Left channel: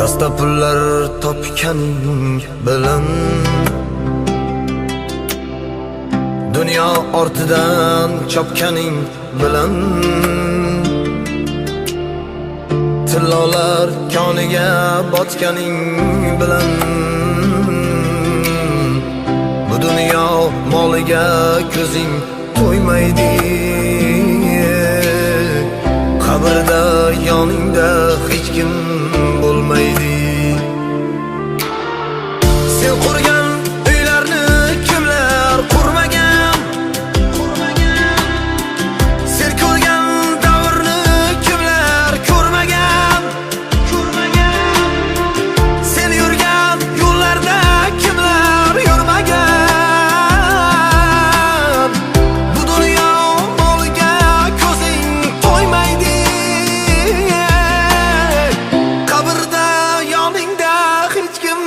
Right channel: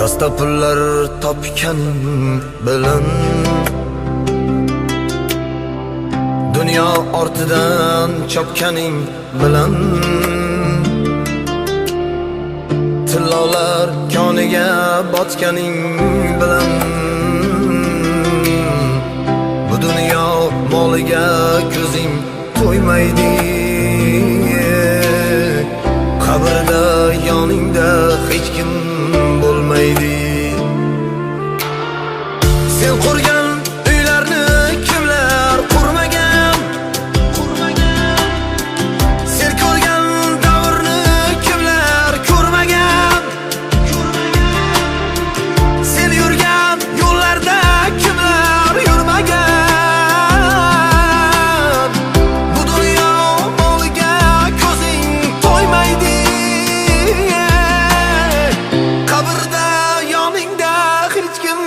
Dasta pullar topganing bilan dunyo ortidan chopganing bilan tillolar koniga botganing bilan bu dunyo moliga ko'zing to'ymaydi. Qabrda yoningda hech kim bo'lmaydi. Sen qurgan uylarni kimlar qurmagan? Sen ko'rgan davrni kimlar ko'rmagan? Sen yurgan yo'llarda kimlar yurmagan? Bu dunyo moliga ko'zing to'ymaydi. Qabrda yoningda hech kim